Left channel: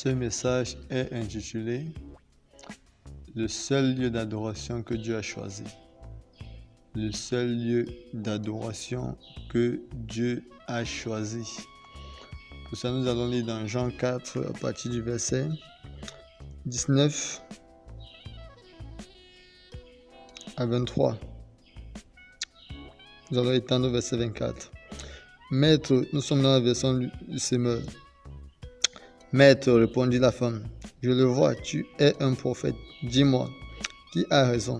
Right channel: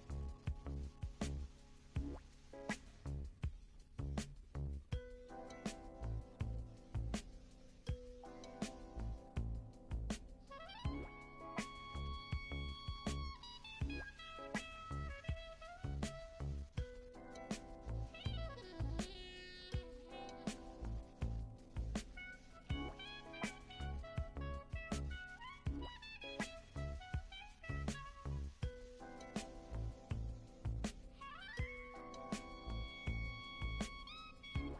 Ce message est intitulé « Le seul lieu d'adoration que Dieu a choisi ». Le seul lieu d'adoration que Dieu a choisi. Pour ça, nous allons lire dans Jean 4 à partir du verset 19 à 23. Nous allons étendre au verset 24. Maître, nous sommes dans la version du Semeur. Maître, répondit la femme, je le vois, tu es un prophète. Dis-moi, qui a raison?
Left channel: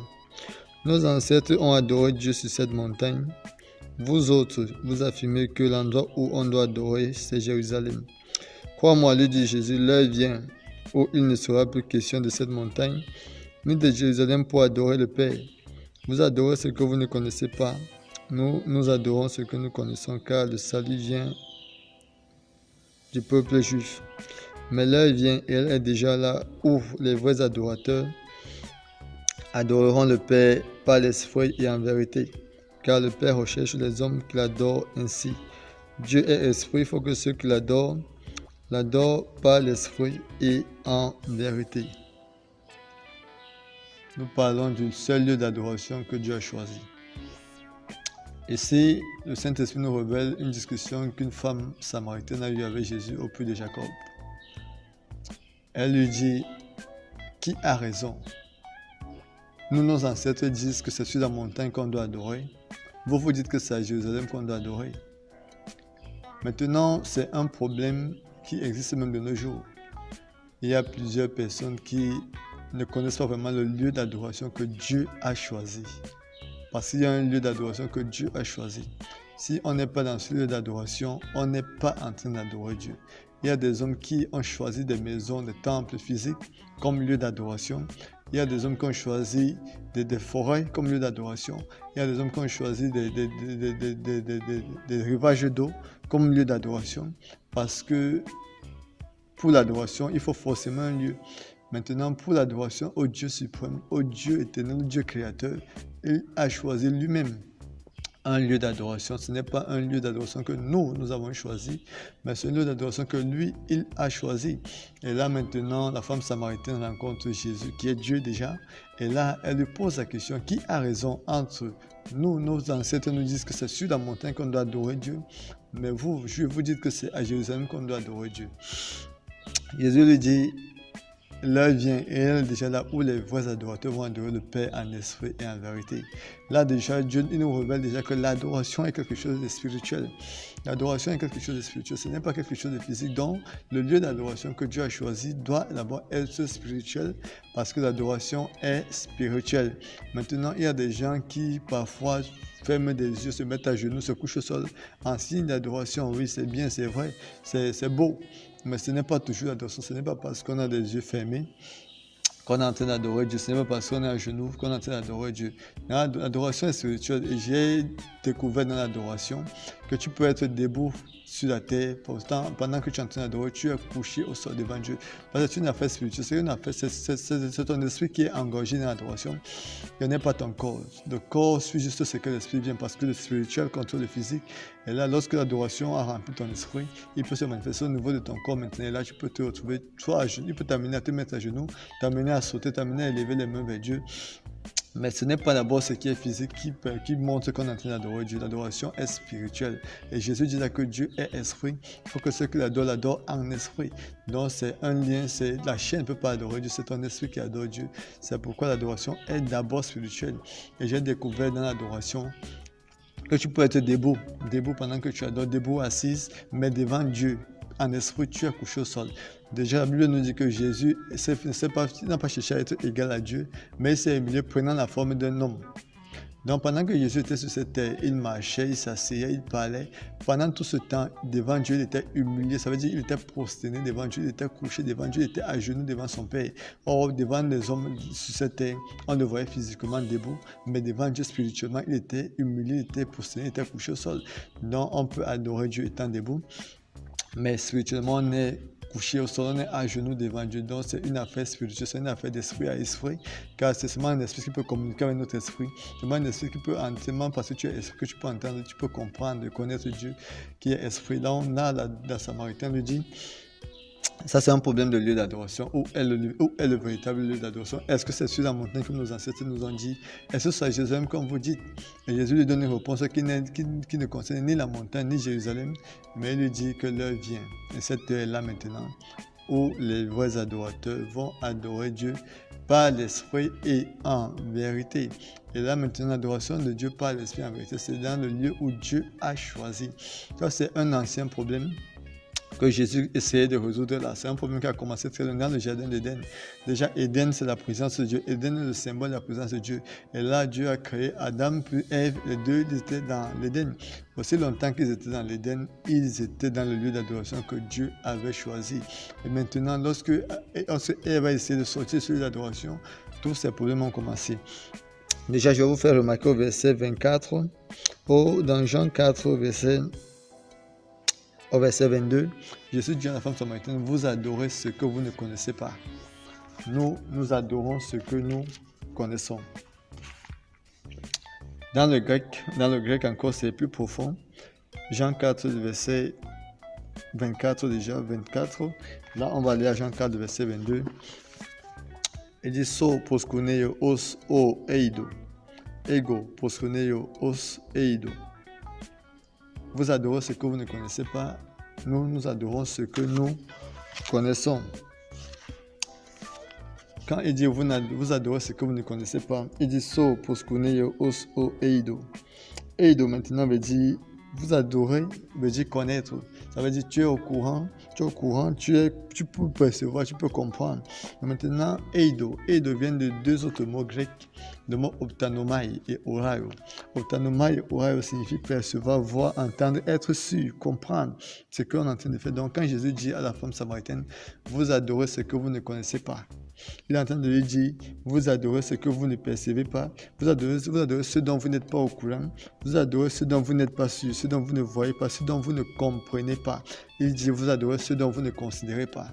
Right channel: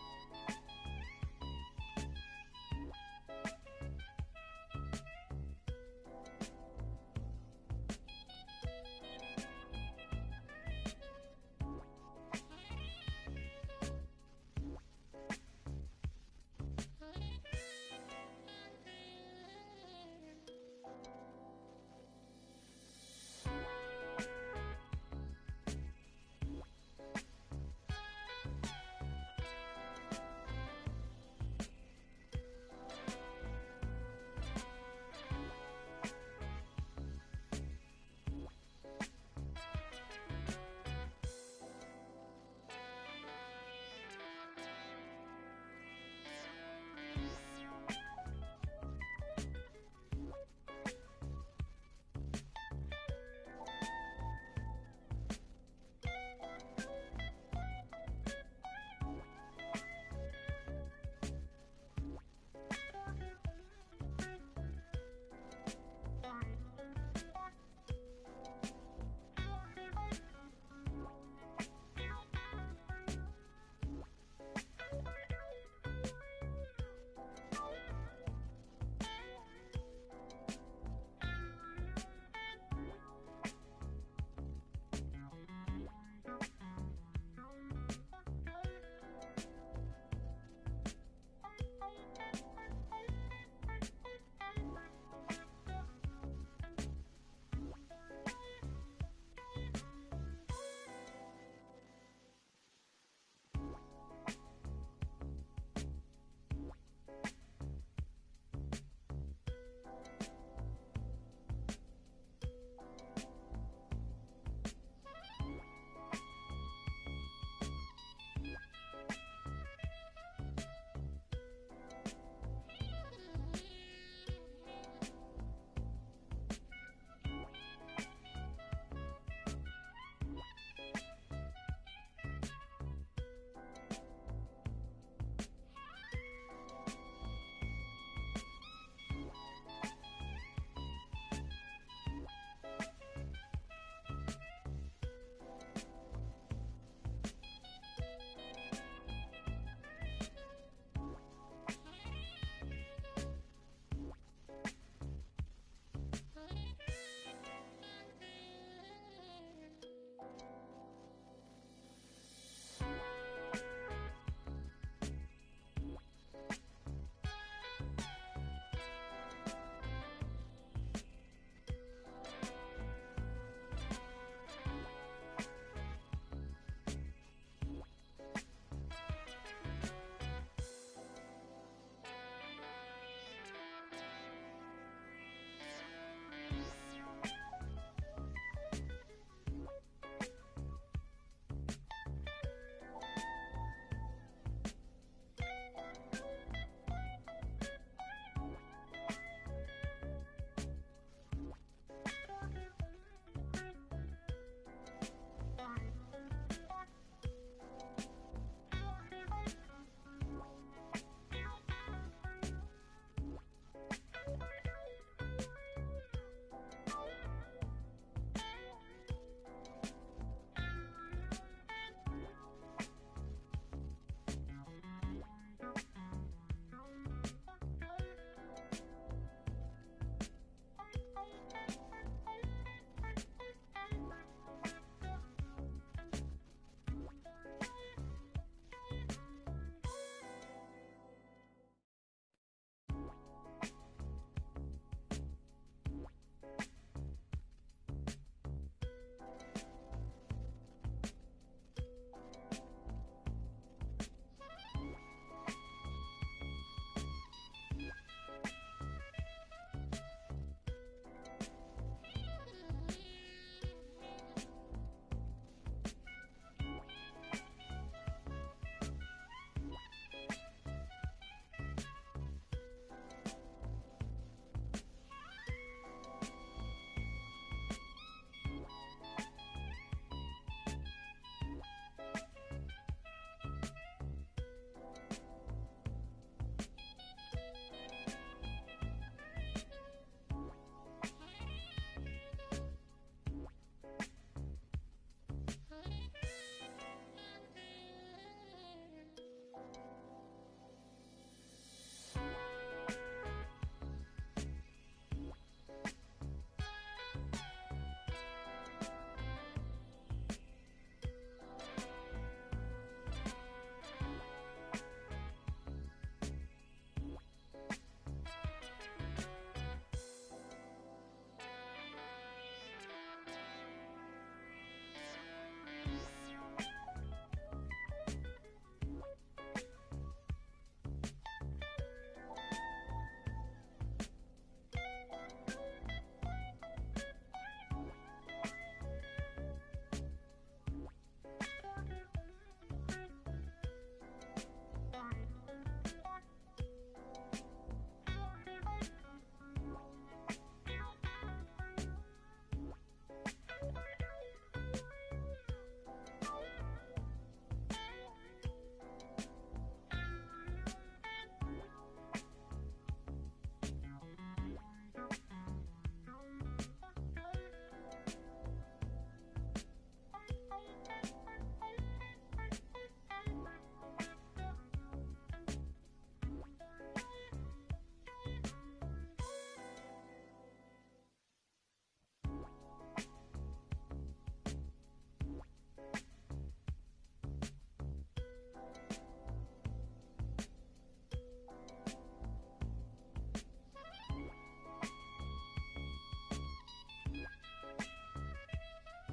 Nos ancêtres ont adoré Dieu sur cette montagne. Vous autres, vous affirmez que l'endroit où on doit adorer, c'est Jérusalem. Crois-moi, lui dit Jésus, l'heure vient où il ne sera plus question de cette montagne, ni de Jérusalem pour adorer le Père. Vous adorez ce que vous ne connaissez pas. Nous adorons ce que nous connaissons, car le salut vient du peuple juif. Mais l'heure vient, et elle est déjà là, où les vrais adorateurs adoreront le Père par l'esprit et en vérité, car le Père recherche les hommes qui l'adorent ainsi. Dieu est esprit, il faut que ceux qui l'adorent par l'esprit et en vérité. Nous parlons du seul lieu d'adoration que Dieu a choisi. Ici, le Saint-Esprit nous révèle une discussion qu'une femme samaritaine a eue avec Jésus au puits de Jacob. Elle lui dit, qui a raison? Nous, nos ancêtres disent que c'est sur la montagne qu'on doit adorer. Vous dites que c'est à Jérusalem qu'on doit adorer. Maintenant, c'est un problème qui existe même de nos jours. Il y a plusieurs personnes qui ne connaissent pas vraiment le lieu d'adoration que Dieu a choisi. Parce qu'il y a un lieu d'adoration que Dieu a choisi. Si on n'est pas dans ce lieu d'adoration, on n'est pas en train d'adorer Dieu. Il y a des hommes qui ont choisi des maisons, des temples physiques comme lieu d'adoration. Il y a des hommes qui ont choisi des forêts comme lieu d'adoration. Il y a des hommes qui ont choisi des rivages d'eau comme lieu d'adoration. Parce que pour l'adoration, il faut forcément un lieu. Maintenant, pour l'adoration au Dieu suprême, au Dieu éternel, au Dieu créateur, il a choisi lui-même un lieu d'adoration. Ce n'est pas un lieu d'adoration que nous avons choisi, mais c'est un lieu d'adoration que lui, il a choisi. Et là maintenant, la femme samaritaine rencontre Jésus, qui est Dieu déjà. Et là, elle lui pose la question, qui a raison entre nous? Nos ancêtres nous disent que c'est sur la montagne qu'on doit adorer Dieu, mais vous, je vous dites que c'est à Jérusalem qu'on doit adorer Dieu. Jésus lui dit, l'heure vient et elle est déjà là où les vrais adorateurs vont adorer le Père en esprit et en vérité. Là déjà, Dieu il nous révèle déjà que l'adoration est quelque chose de spirituel. L'adoration est quelque chose de spirituel, ce n'est pas quelque chose de physique. Donc, le lieu d'adoration que Dieu a choisi doit d'abord être spirituel parce que l'adoration est spirituelle. Maintenant, il y a des gens qui parfois ferment des yeux, se mettent à genoux, se couchent au sol en signe d'adoration. Oui, c'est bien, c'est vrai, c'est beau. Mais ce n'est pas toujours l'adoration, ce n'est pas parce qu'on a des yeux fermés qu'on est en train d'adorer Dieu, ce n'est pas parce qu'on est à genoux qu'on est en train d'adorer Dieu. L'adoration est spirituelle et j'ai découvert dans l'adoration que tu peux être debout sur la terre, pourtant pendant que tu es en train d'adorer, tu es couché au sol devant Dieu. Parce que c'est une affaire spirituelle, c'est ton esprit qui est engagé dans l'adoration, ce n'est pas ton corps. Le corps suit juste ce que l'esprit vient parce que le spirituel contrôle le physique. Et là, lorsque l'adoration a rempli ton esprit, il peut se manifester au niveau de ton corps maintenant. Et là, tu peux te retrouver, soit à genoux, il peut t'amener à te mettre à genoux, t'amener à sauter, t'amener à élever les mains vers Dieu. Mais ce n'est pas d'abord ce qui est physique qui montre qu'on est en train d'adorer Dieu. L'adoration est spirituelle. Et Jésus dit là que Dieu est esprit. Il faut que ceux qui l'adorent en esprit. Donc c'est un lien, la chair ne peut pas adorer Dieu, c'est ton esprit qui adore Dieu. C'est pourquoi l'adoration est d'abord spirituelle. Et j'ai découvert dans l'adoration que tu peux être debout pendant que tu adores, debout, assise, mais devant Dieu. En esprit, tu es couché au sol. Déjà, la Bible nous dit que Jésus n'a pas cherché à être égal à Dieu, mais il s'est humilié prenant la forme d'un homme. Donc pendant que Jésus était sur cette terre, il marchait, il s'asseyait, il parlait. Pendant tout ce temps, devant Dieu, il était humilié. Ça veut dire qu'il était prosterné devant Dieu, il était couché devant Dieu, il était à genoux devant son Père. Or, devant les hommes sur cette terre, on le voyait physiquement debout, mais devant Dieu spirituellement, il était humilié, il était prosterné, il était couché au sol. Donc on peut adorer Dieu étant debout, mais spirituellement, on est couché au sol, on est à genoux devant Dieu. Donc c'est une affaire spirituelle, c'est une affaire d'esprit à esprit, car c'est seulement un esprit qui peut communiquer avec notre esprit. C'est seulement un esprit qui peut entièrement, parce que tu es esprit, que tu peux entendre, tu peux comprendre, connaître Dieu qui est esprit. Donc là, la Samaritaine lui dit, Ça, c'est un problème de lieu d'adoration. Où est le véritable lieu d'adoration? Est-ce que c'est sur la montagne comme nos ancêtres nous ont dit? Est-ce que c'est à Jérusalem comme vous dites? Et Jésus lui donne une réponse qui ne concerne ni la montagne ni Jérusalem, mais il lui dit que l'heure vient. Et cette heure est là maintenant, où les vrais adorateurs vont adorer Dieu par l'esprit et en vérité. Et là maintenant, l'adoration de Dieu par l'esprit et en vérité, c'est dans le lieu où Dieu a choisi. Ça, c'est un ancien problème que Jésus essayait de résoudre là. C'est un problème qui a commencé très loin dans le jardin d'Éden. Déjà, Éden, c'est la présence de Dieu. Éden est le symbole de la présence de Dieu. Et là, Dieu a créé Adam puis Ève. Les deux étaient dans l'Éden. Aussi longtemps qu'ils étaient dans l'Éden, ils étaient dans le lieu d'adoration que Dieu avait choisi. Et maintenant, lorsque Ève a essayé de sortir sur l'adoration, tous ces problèmes ont commencé. Déjà, je vais vous faire remarquer au verset 24, dans Jean 4, au verset 22, Jésus dit à la femme samaritaine, vous adorez ce que vous ne connaissez pas. Nous adorons ce que nous connaissons. Dans le grec encore, c'est plus profond. Jean 4, verset 24 déjà, 24. Là, on va aller à Jean 4, verset 22. Il dit, so proskuneio os o eido. Ego proskuneio os eido. Vous adorez ce que vous ne connaissez pas. Nous adorons ce que nous connaissons. Quand il dit vous adorez ce que vous ne connaissez pas, il dit so proskuneio os o eido. Eido maintenant veut dire vous adorez, veut dire connaître. Ça veut dire tu es au courant, tu peux percevoir, tu peux comprendre. Maintenant, eido vient de deux autres mots grecs. Le mot optanomai et oraio. Optanomai et oraio signifie percevoir, voir, entendre, être sûr, comprendre ce qu'on est en train de faire. Donc, quand Jésus dit à la femme samaritaine, vous adorez ce que vous ne connaissez pas, il est en train de lui dire, vous adorez ce que vous ne percevez pas, vous adorez ce dont vous n'êtes pas au courant, vous adorez ce dont vous n'êtes pas sûr, ce dont vous ne voyez pas, ce dont vous ne comprenez pas. Il dit, vous adorez ce dont vous ne considérez pas.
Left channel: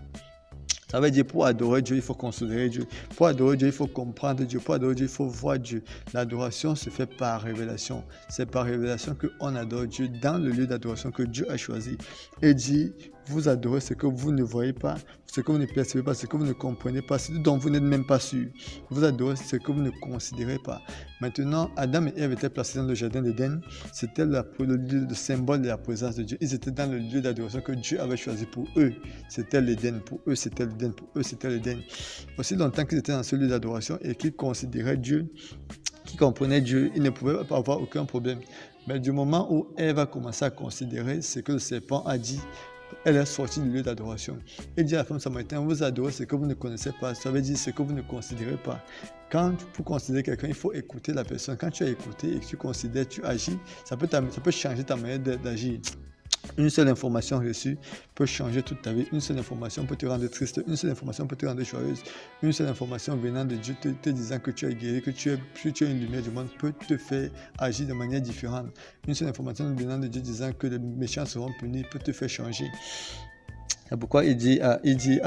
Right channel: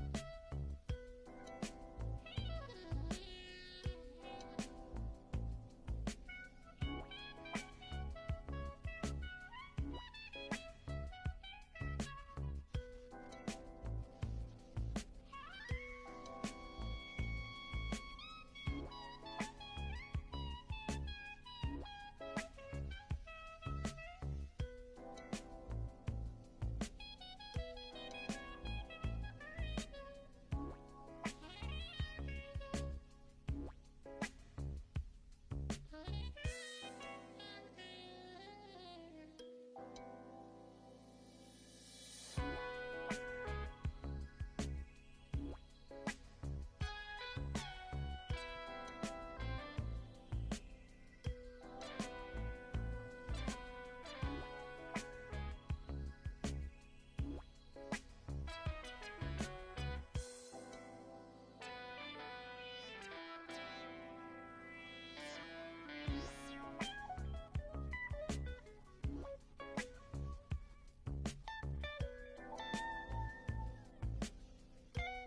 Ça veut dire pour adorer Dieu, il faut considérer Dieu. Pour adorer Dieu, il faut comprendre Dieu. Pour adorer Dieu, il faut voir Dieu. L'adoration se fait par révélation. C'est par révélation qu'on adore Dieu dans le lieu d'adoration que Dieu a choisi. Et dit, vous adorez ce que vous ne voyez pas, ce que vous ne percevez pas, ce que vous ne comprenez pas, ce dont vous n'êtes même pas sûr. Vous adorez ce que vous ne considérez pas. Maintenant, Adam et Ève étaient placés dans le jardin d'Éden. C'était le symbole de la présence de Dieu. Ils étaient dans le lieu d'adoration que Dieu avait choisi pour eux. C'était l'Éden. Pour eux, c'était l'Éden. Pour eux, c'était l'Éden. Aussi longtemps qu'ils étaient dans ce lieu d'adoration et qu'ils considéraient Dieu, qu'ils comprenaient Dieu, ils ne pouvaient pas avoir aucun problème. Mais du moment où Ève a commencé à considérer ce que le serpent a dit, elle est sortie du lieu d'adoration. Il dit à la femme samaritaine, vous adorez ce que vous ne connaissez pas. Ça veut dire ce que vous ne considérez pas. Quand pour considérer quelqu'un, il faut écouter la personne. Quand tu as écouté et que tu considères, tu agis, ça peut changer ta manière d'agir. Une seule information reçue peut changer toute ta vie. Une seule information peut te rendre triste. Une seule information peut te rendre joyeuse. Une seule information venant de Dieu te disant que tu es guéri, que tu es une lumière du monde peut te faire agir de manière différente. Une seule information venant de Dieu disant que les méchants seront punis peut te faire changer. C'est pourquoi il dit à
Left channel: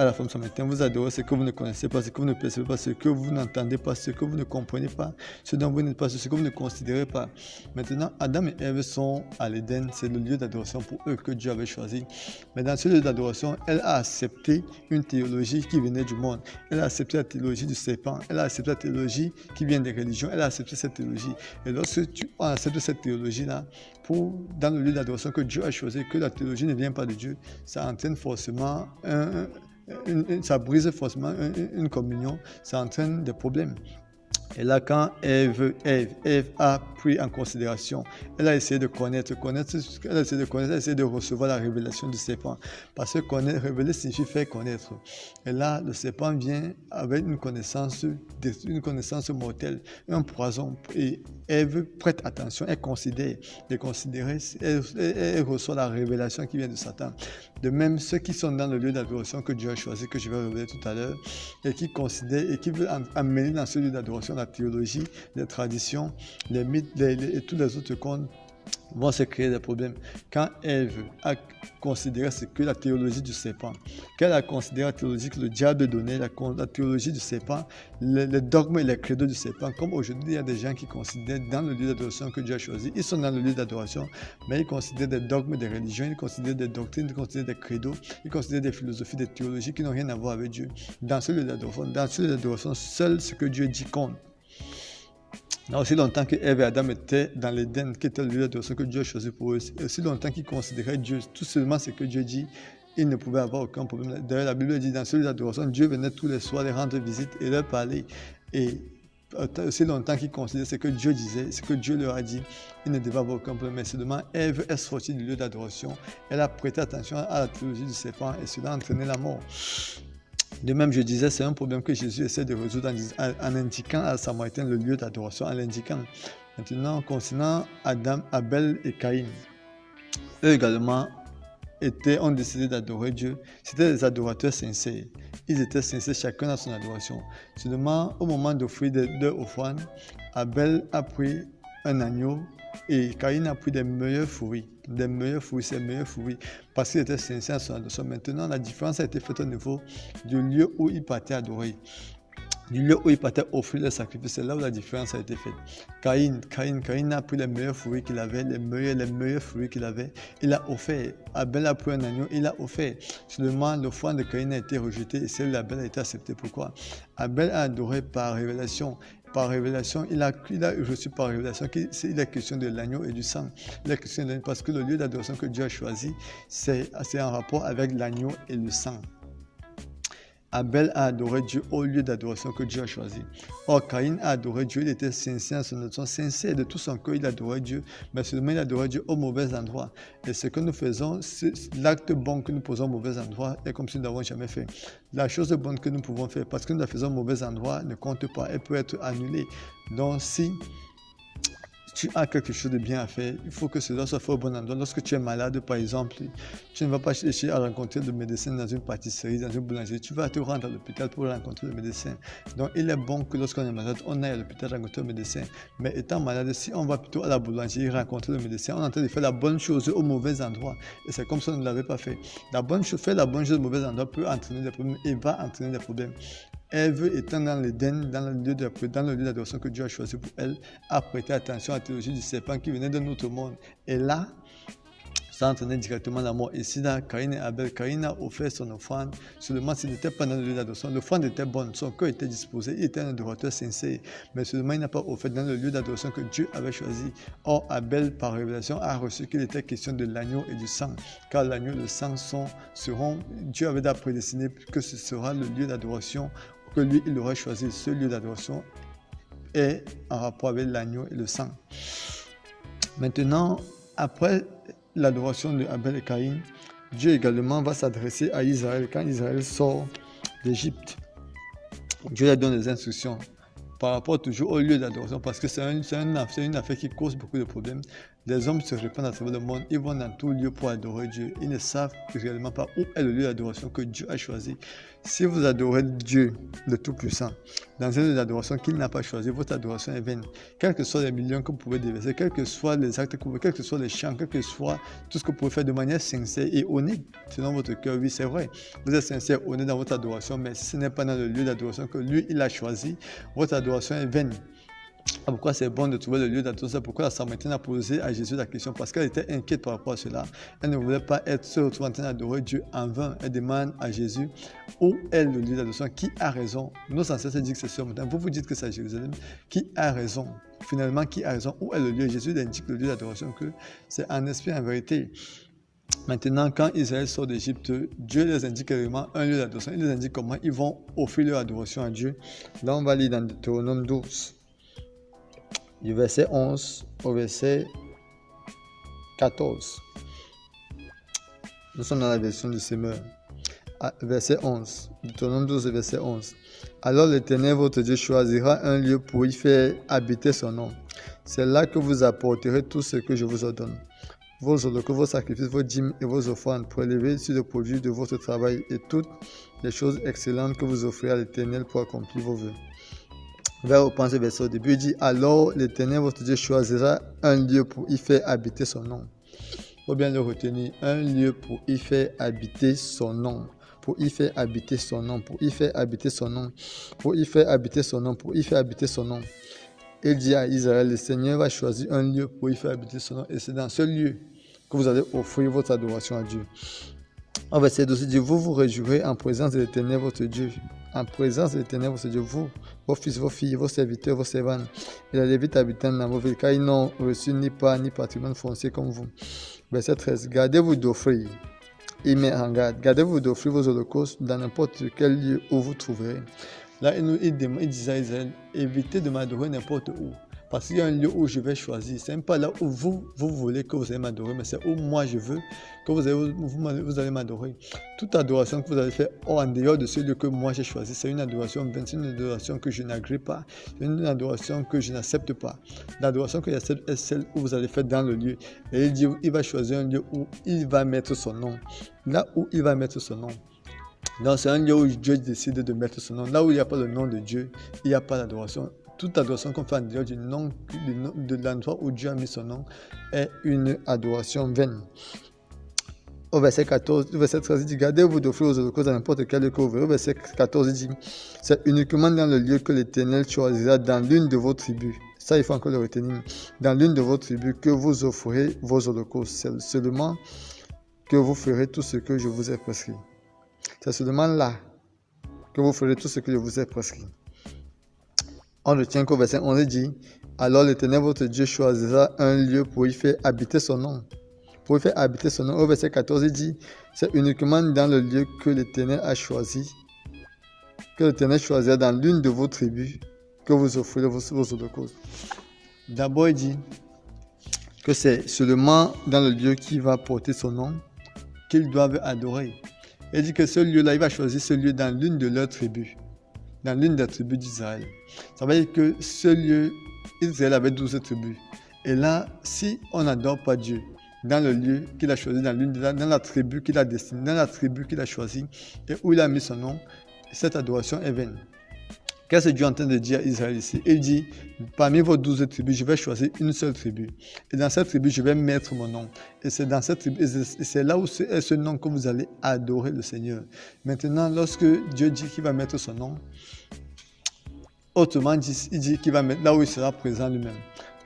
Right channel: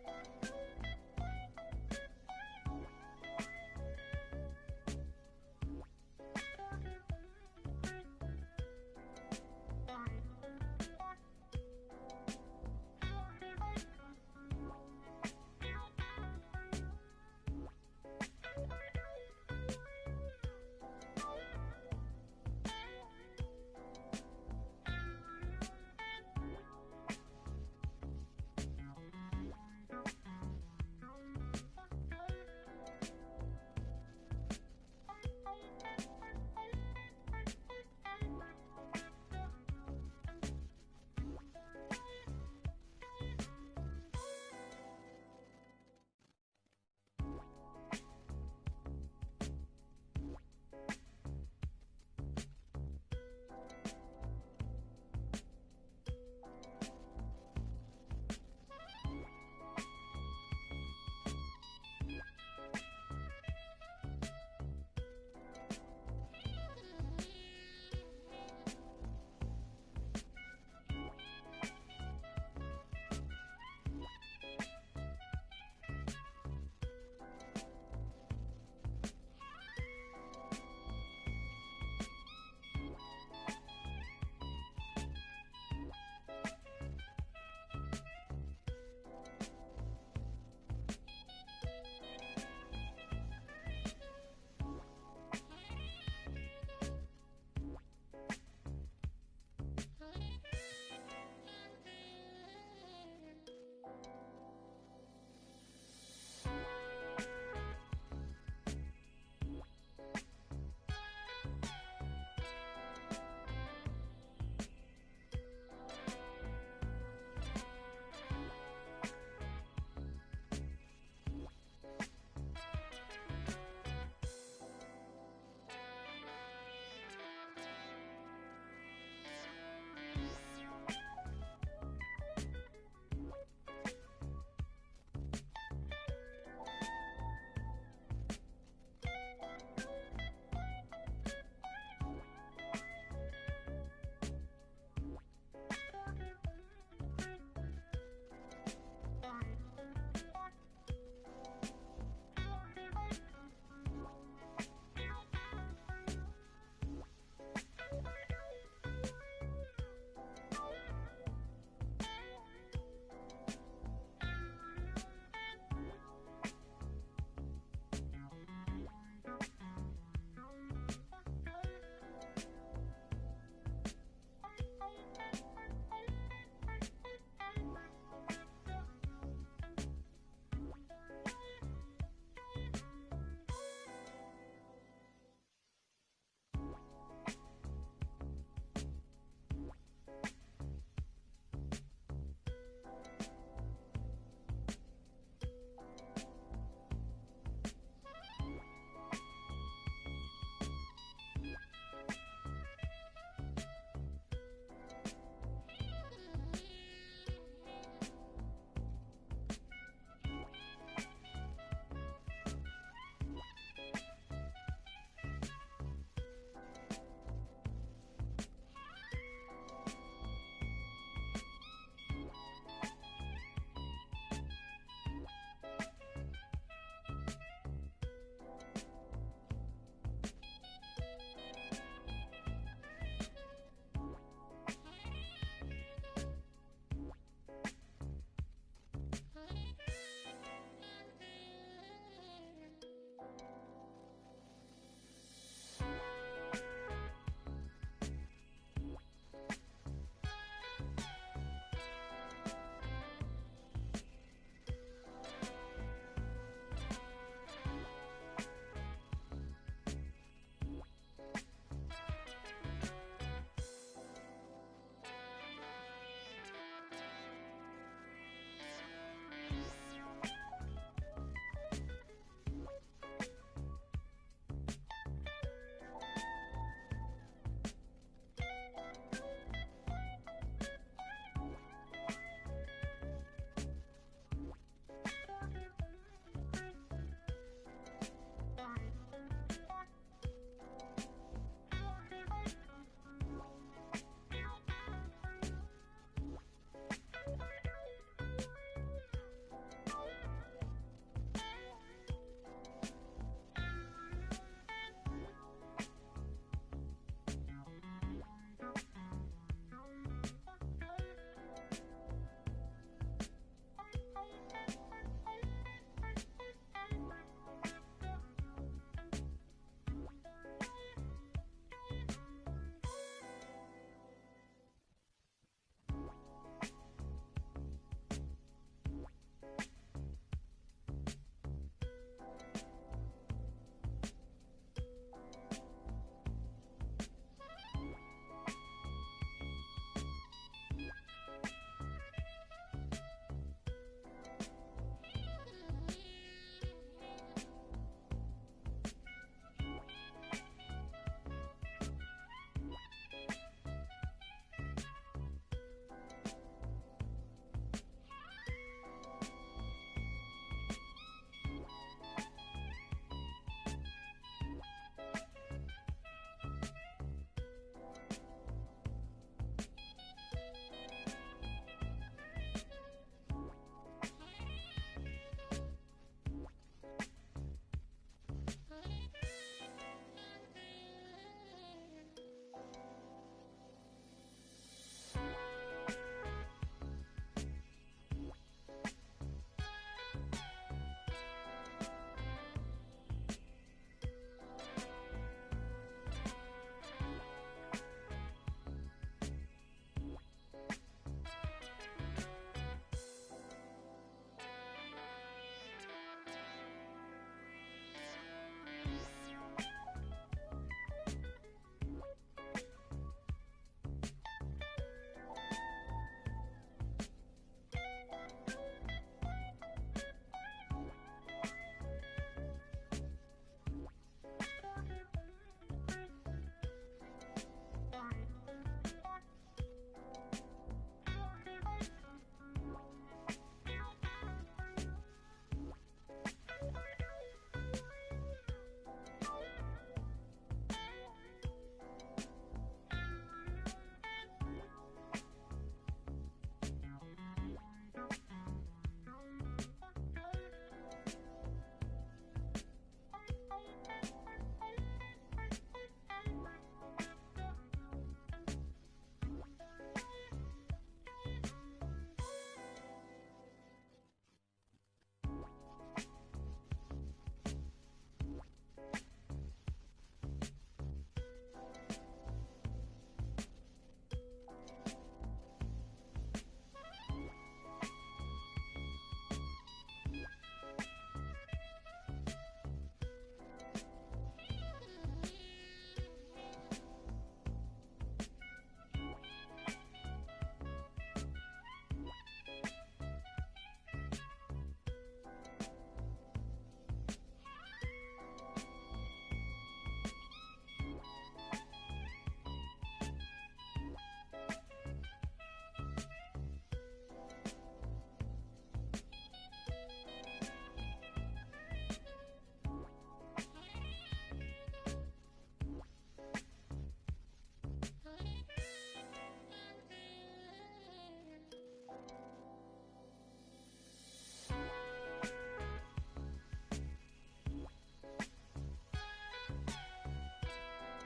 la femme samaritaine, vous adorez ce que vous ne connaissez pas, ce que vous ne percevez pas, ce que vous n'entendez pas, ce que vous ne comprenez pas, ce dont vous n'êtes pas, ce que vous ne considérez pas. Maintenant, Adam et Ève sont à l'Éden, c'est le lieu d'adoration pour eux que Dieu avait choisi. Mais dans ce lieu d'adoration, elle a accepté une théologie qui venait du monde. Elle a accepté la théologie du serpent, elle a accepté la théologie qui vient des religions, elle a accepté cette théologie. Et lorsque tu acceptes cette théologie-là, dans le lieu d'adoration que Dieu a choisi, que la théologie ne vient pas de Dieu, ça entraîne forcément ça brise forcément une communion, ça entraîne des problèmes. Et là, quand Ève a pris en considération, elle a essayé de connaître, elle a essayé de recevoir la révélation du serpent. Parce que révéler signifie faire connaître. Et là, le serpent vient avec une connaissance mortelle, un poison. Et Ève prête attention, elle considère. Elle reçoit la révélation qui vient de Satan. De même, ceux qui sont dans le lieu d'adoration que Dieu a choisi, que je vais révéler tout à l'heure, et qui considèrent et qui veulent amener dans ce lieu d'adoration la théologie, les traditions, les mythes et tous les autres contes, vont se créer des problèmes. Quand Ève a considéré ce que la théologie du serpent, qu'elle a considéré la théologie que le diable donnait, la théologie du serpent, les dogmes et les credos du serpent, comme aujourd'hui il y a des gens qui considèrent dans le lieu d'adoration que Dieu a choisi, ils sont dans le lieu d'adoration, mais ils considèrent des dogmes des religions, ils considèrent des doctrines, ils considèrent des credos, ils considèrent des philosophies, des théologies qui n'ont rien à voir avec Dieu. Dans ce lieu d'adoration, seul ce que Dieu dit compte. Il y a aussi longtemps que Ève et Adam étaient dans l'Éden, qui était le lieu d'adoration que Dieu a choisi pour eux. Et aussi longtemps qu'ils considéraient Dieu, tout seulement ce que Dieu dit, ils ne pouvaient avoir aucun problème. D'ailleurs, la Bible dit dans ce lieu d'adoration, Dieu venait tous les soirs les rendre visite et leur parler. Et aussi longtemps qu'ils considéraient ce que Dieu disait, ce que Dieu leur a dit, ils ne devaient avoir aucun problème. Mais seulement Ève est sortie du lieu d'adoration. Elle a prêté attention à la théologie du serpent et cela a entraîné la mort. De même, je disais, c'est un problème que Jésus essaie de résoudre en indiquant à Samaritain le lieu d'adoration, en l'indiquant. Maintenant, concernant Adam, Abel et Caïn, eux également ont décidé d'adorer Dieu. C'était des adorateurs sincères. Ils étaient sincères chacun dans son adoration. Seulement, au moment d'offrir leur offrande, Abel a pris un agneau et Caïn a pris des meilleurs fruits, parce qu'il était sincère à son adoration. Maintenant, la différence a été faite au niveau du lieu où il partait adorer, du lieu où il partait offrir le sacrifice. C'est là où la différence a été faite. Caïn a pris les meilleurs fruits qu'il avait, les meilleurs fruits qu'il avait, il a offert. Abel a pris un agneau, il a offert. Seulement, l'offrande de Caïn a été rejetée et celle d'Abel a été acceptée. Pourquoi? Abel a adoré par révélation. Par révélation, il a reçu par révélation qu'il est question de l'agneau et du sang. Il est question de l'agneau parce que le lieu d'adoration que Dieu a choisi, c'est en rapport avec l'agneau et le sang. Abel a adoré Dieu au lieu d'adoration que Dieu a choisi. Or, Caïn a adoré Dieu, il était sincère, sincère de tout son cœur, il adorait Dieu, mais seulement il adorait Dieu au mauvais endroit. Et ce que nous faisons, l'acte bon que nous posons au mauvais endroit est comme si nous n'avons jamais fait. La chose bonne que nous pouvons faire, parce que nous la faisons au mauvais endroit, ne compte pas, elle peut être annulée. Donc, si tu as quelque chose de bien à faire, il faut que cela soit fait au bon endroit. Lorsque tu es malade, par exemple, tu ne vas pas chercher à rencontrer le médecin dans une pâtisserie, dans une boulangerie. Tu vas te rendre à l'hôpital pour rencontrer le médecin. Donc, il est bon que lorsqu'on est malade, on aille à l'hôpital rencontrer le médecin. Mais étant malade, si on va plutôt à la boulangerie rencontrer le médecin, on est en train de faire la bonne chose au mauvais endroit. Et c'est comme ça qu'on ne l'avait pas fait. Faire la bonne chose au mauvais endroit peut entraîner des problèmes et va entraîner des problèmes. Ève étant dans l'Éden, dans le lieu d'adoration que Dieu a choisi pour elle, a prêté attention à la théologie du serpent qui venait de notre monde. Et là, ça entraînait directement la mort. Ici, dans Caïn et Abel, Caïn a offert son offrande. Seulement, s'il n'était pas dans le lieu d'adoration, l'offrande était bonne, son cœur était disposé, il était un adorateur sincère. Mais seulement, il n'a pas offert dans le lieu d'adoration que Dieu avait choisi. Or, Abel, par révélation, a reçu qu'il était question de l'agneau et du sang. Car l'agneau et le sang Dieu avait déjà prédestiné que ce sera le lieu d'adoration que lui, il aurait choisi. Ce lieu d'adoration est en rapport avec l'agneau et le sang. Maintenant, après l'adoration de Abel et Caïn, Dieu également va s'adresser à Israël. Quand Israël sort d'Égypte, Dieu leur donne des instructions par rapport toujours au lieu d'adoration, parce que c'est une affaire qui cause beaucoup de problèmes. Les hommes se répandent à travers le monde, ils vont dans tout lieu pour adorer Dieu. Ils ne savent réellement pas où est le lieu d'adoration que Dieu a choisi. Si vous adorez Dieu, le Tout-Puissant, dans un lieu d'adoration qu'il n'a pas choisi, votre adoration est vaine. Quels que soient les millions que vous pouvez déverser, quels que soient les actes que vous pouvez, quels que soient les chants, quel que soit tout ce que vous pouvez faire de manière sincère et honnête, selon votre cœur, oui, c'est vrai. Vous êtes sincère, honnête dans votre adoration, mais si ce n'est pas dans le lieu d'adoration que lui, il a choisi, votre adoration est vaine. Pourquoi c'est bon de trouver le lieu d'adoration? Pourquoi la Samaritaine a posé à Jésus la question? Parce qu'elle était inquiète par rapport à cela. Elle ne voulait pas se retrouver en train d'adorer Dieu en vain. Elle demande à Jésus où est le lieu d'adoration. Qui a raison? Nos ancêtres disent que c'est sur montagne. Vous dites que c'est à Jérusalem. Qui a raison? Finalement, qui a raison? Où est le lieu? Jésus indique le lieu d'adoration, que c'est en esprit, en vérité. Maintenant, quand Israël sort d'Égypte, Dieu les indique également un lieu d'adoration. Il les indique comment ils vont offrir leur adoration à Dieu. Là, on va lire dans Deutéronome 12. Du verset 11 au verset 14. Nous sommes dans la version du Semeur. Verset 11. Deutéronome 12, verset 11. Alors l'Éternel, votre Dieu, choisira un lieu pour y faire habiter son nom. C'est là que vous apporterez tout ce que je vous ordonne. Vos holocaustes, vos sacrifices, vos dîmes et vos offrandes prélevées sur le produit de votre travail et toutes les choses excellentes que vous offrez à l'Éternel pour accomplir vos vœux. va reprendre ce verset au début. Il dit, alors l'Éternel votre Dieu choisira un lieu pour y faire habiter son nom. Il faut bien le retenir, un lieu pour y faire habiter son nom. Pour y faire habiter son nom, pour y faire habiter son nom, pour y faire habiter son nom, pour y faire habiter son nom. Il dit à Israël, le Seigneur va choisir un lieu pour y faire habiter son nom. Et c'est dans ce lieu que vous allez offrir votre adoration à Dieu. Au verset 12, il dit, vous vous réjouirez en présence de l'Éternel votre Dieu. En présence de l'Éternel votre Dieu, vous, vos fils, vos filles, vos serviteurs, vos servantes, et les Lévites habitant dans vos villes, car ils n'ont reçu ni part ni patrimoine foncier comme vous. Verset 13, gardez-vous d'offrir. Il met en garde, gardez-vous d'offrir vos holocaustes dans n'importe quel lieu où vous trouverez. Là, il disait à Israël, évitez de m'adorer n'importe où. Parce qu'il y a un lieu où je vais choisir. Ce n'est pas là où vous voulez que vous allez m'adorer, mais c'est où moi je veux que vous allez m'adorer. Toute adoration que vous allez faire en dehors de ce lieu que moi j'ai choisi, c'est une adoration vaine, c'est une adoration que je n'agrée pas, c'est une adoration que je n'accepte pas. L'adoration que j'accepte est celle où vous allez faire dans le lieu. Et il dit, il va choisir un lieu où il va mettre son nom. Là où il va mettre son nom. Donc c'est un lieu où Dieu décide de mettre son nom. Là où il n'y a pas le nom de Dieu, il n'y a pas d'adoration. Toute adoration qu'on fait en dehors du nom, de l'endroit où Dieu a mis son nom est une adoration vaine. Au verset 14, au verset 13, il dit, gardez-vous d'offrir aux holocaustes dans n'importe quel lieu que vous verrez. Au verset 14, il dit, c'est uniquement dans le lieu que l'Éternel choisira dans l'une de vos tribus. Ça, il faut encore le retenir. Dans l'une de vos tribus que vous offrirez vos holocaustes. C'est seulement que vous ferez tout ce que je vous ai prescrit. C'est seulement là que vous ferez tout ce que je vous ai prescrit. On retient qu'au verset 11, il dit, alors l'Éternel votre Dieu choisira un lieu pour y faire habiter son nom. Pour y faire habiter son nom. Au verset 14, il dit, c'est uniquement dans le lieu que l'Éternel a choisi, que l'Éternel choisira dans l'une de vos tribus que vous offrirez vos holocaustes. D'abord, il dit que c'est seulement dans le lieu qui va porter son nom qu'ils doivent adorer. Il dit que ce lieu-là, il va choisir ce lieu dans l'une de leurs tribus, dans l'une des tribus d'Israël. Ça veut dire que ce lieu, Israël avait 12 tribus. Et là, si on n'adore pas Dieu dans le lieu qu'il a choisi, dans la tribu qu'il a destinée, dans la tribu qu'il a choisie et où il a mis son nom, cette adoration est vaine. Qu'est-ce que Dieu est en train de dire à Israël ici? Il dit, parmi vos 12 tribus, je vais choisir une seule tribu. Et dans cette tribu, je vais mettre mon nom. Et c'est dans cette tribu, c'est là où est ce nom que vous allez adorer le Seigneur. Maintenant, lorsque Dieu dit qu'il va mettre son nom, autrement dit, il dit qu'il va mettre là où il sera présent lui-même.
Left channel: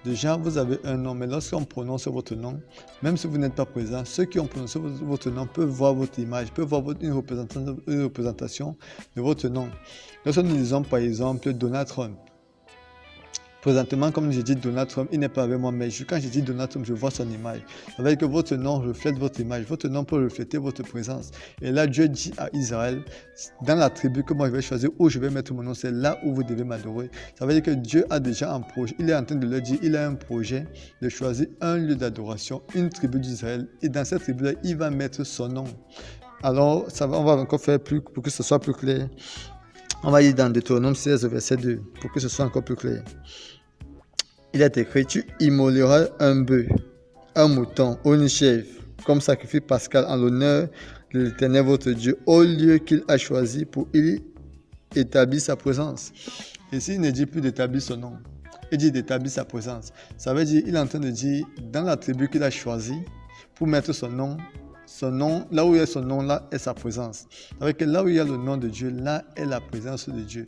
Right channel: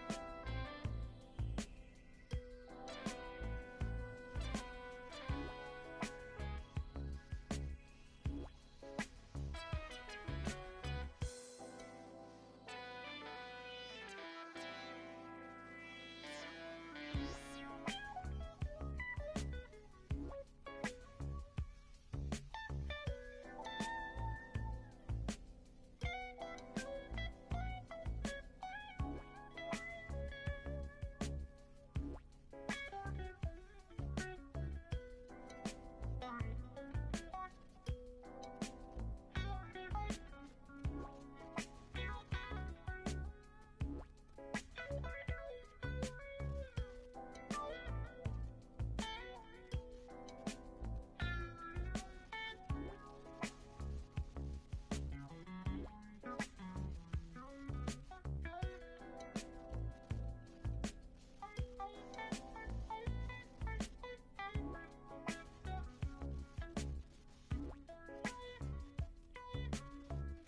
Déjà, vous avez un nom, mais lorsqu'on prononce votre nom, même si vous n'êtes pas présent, ceux qui ont prononcé votre nom peuvent voir votre image, peuvent voir une représentation de votre nom. Lorsque nous disons par exemple Donald Trump, présentement, comme je dis Donald Trump, il n'est pas avec moi, mais quand je dis Donald Trump, je vois son image. Ça veut dire que votre nom reflète votre image, votre nom peut refléter votre présence. Et là, Dieu dit à Israël, dans la tribu que moi je vais choisir, où je vais mettre mon nom, c'est là où vous devez m'adorer. Ça veut dire que Dieu a déjà un projet, il est en train de leur dire, il a un projet de choisir un lieu d'adoration, une tribu d'Israël. Et dans cette tribu-là, il va mettre son nom. Alors, on va encore faire plus, pour que ce soit plus clair. On va lire dans Deutéronome 16, verset 2, pour que ce soit encore plus clair. Il est écrit, tu immoleras un bœuf, un mouton ou une chèvre, comme sacrifice pascal en l'honneur de l'Éternel votre Dieu, au lieu qu'il a choisi pour y établir sa présence. Ici, il ne dit plus d'établir son nom, il dit d'établir sa présence. Ça veut dire, il est en train de dire, dans la tribu qu'il a choisi, pour mettre son nom, là où il y a son nom, là est sa présence. Avec là où il y a le nom de Dieu, là est la présence de Dieu.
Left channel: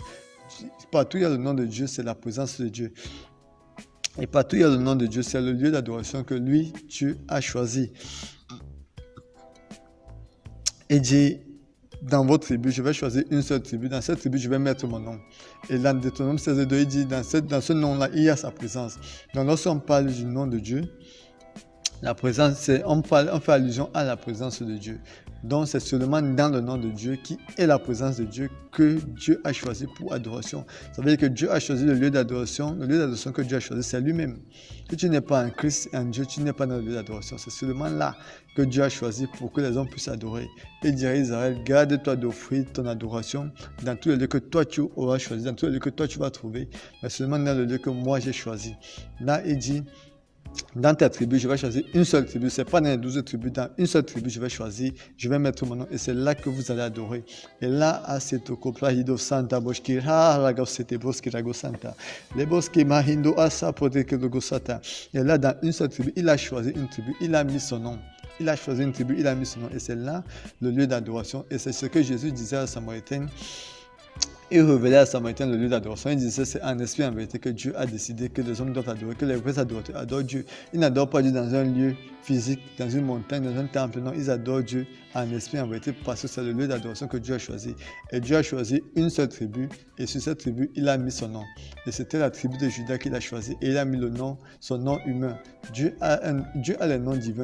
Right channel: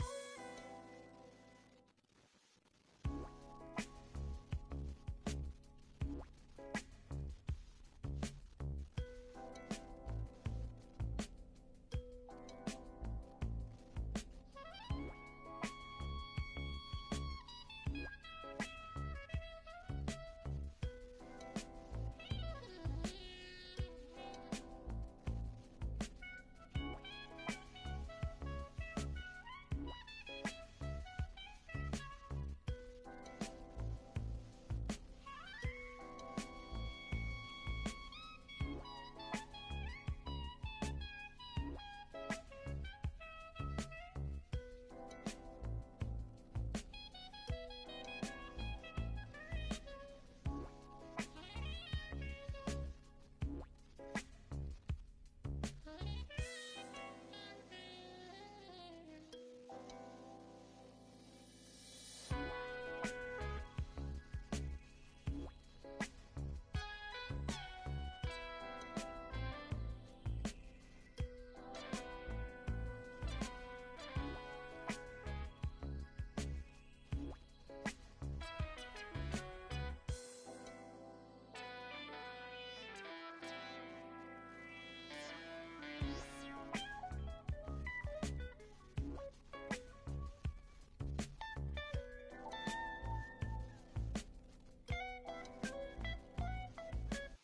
Partout où il y a le nom de Dieu, c'est la présence de Dieu. Et partout où il y a le nom de Dieu, c'est le lieu d'adoration que lui, Dieu, a choisi. Il dit, dans votre tribu, je vais choisir une seule tribu. Dans cette tribu, je vais mettre mon nom. Et dans Deutéronome 16:2, il dit, dans ce nom-là, il y a sa présence. Donc lorsqu'on parle du nom de Dieu, la présence, on fait allusion à la présence de Dieu. Donc c'est seulement dans le nom de Dieu qui est la présence de Dieu que Dieu a choisi pour adoration. Ça veut dire que Dieu a choisi le lieu d'adoration que Dieu a choisi, c'est lui-même. Si tu n'es pas en Christ et en Dieu, tu n'es pas dans le lieu d'adoration. C'est seulement là que Dieu a choisi pour que les hommes puissent adorer. Il dirait à Israël, garde-toi d'offrir ton adoration dans tous les lieux que toi tu auras choisi, dans tous les lieux que toi tu vas trouver, mais seulement dans le lieu que moi j'ai choisi. Là, il dit, dans ta tribu, je vais choisir une seule tribu. Ce n'est pas dans les 12 tribus, dans une seule tribu, je vais choisir, je vais mettre mon nom et c'est là que vous allez adorer. Et là, à cette copla, hido santa, boshki, ha, rago, sete, boski, rago, santa. Les boski, mahindo, asa, proteke, logo, sata. Et là, dans une seule tribu, il a choisi une tribu, il a mis son nom. Il a choisi une tribu, il a mis son nom. Et c'est là le lieu d'adoration. Et c'est ce que Jésus disait à Samaritain. Il révélait à Samaritain le lieu d'adoration. Il disait c'est en esprit en vérité que Dieu a décidé que les hommes doivent adorer, que les vrais adorateurs adorent Dieu. Ils n'adorent pas Dieu dans un lieu physique, dans une montagne, dans un temple. Non, ils adorent Dieu en esprit en vérité parce que c'est le lieu d'adoration que Dieu a choisi. Et Dieu a choisi une seule tribu et sur cette tribu, il a mis son nom. Et c'était la tribu de Juda qu'il a choisi et il a mis le nom, son nom humain. Dieu a les noms divins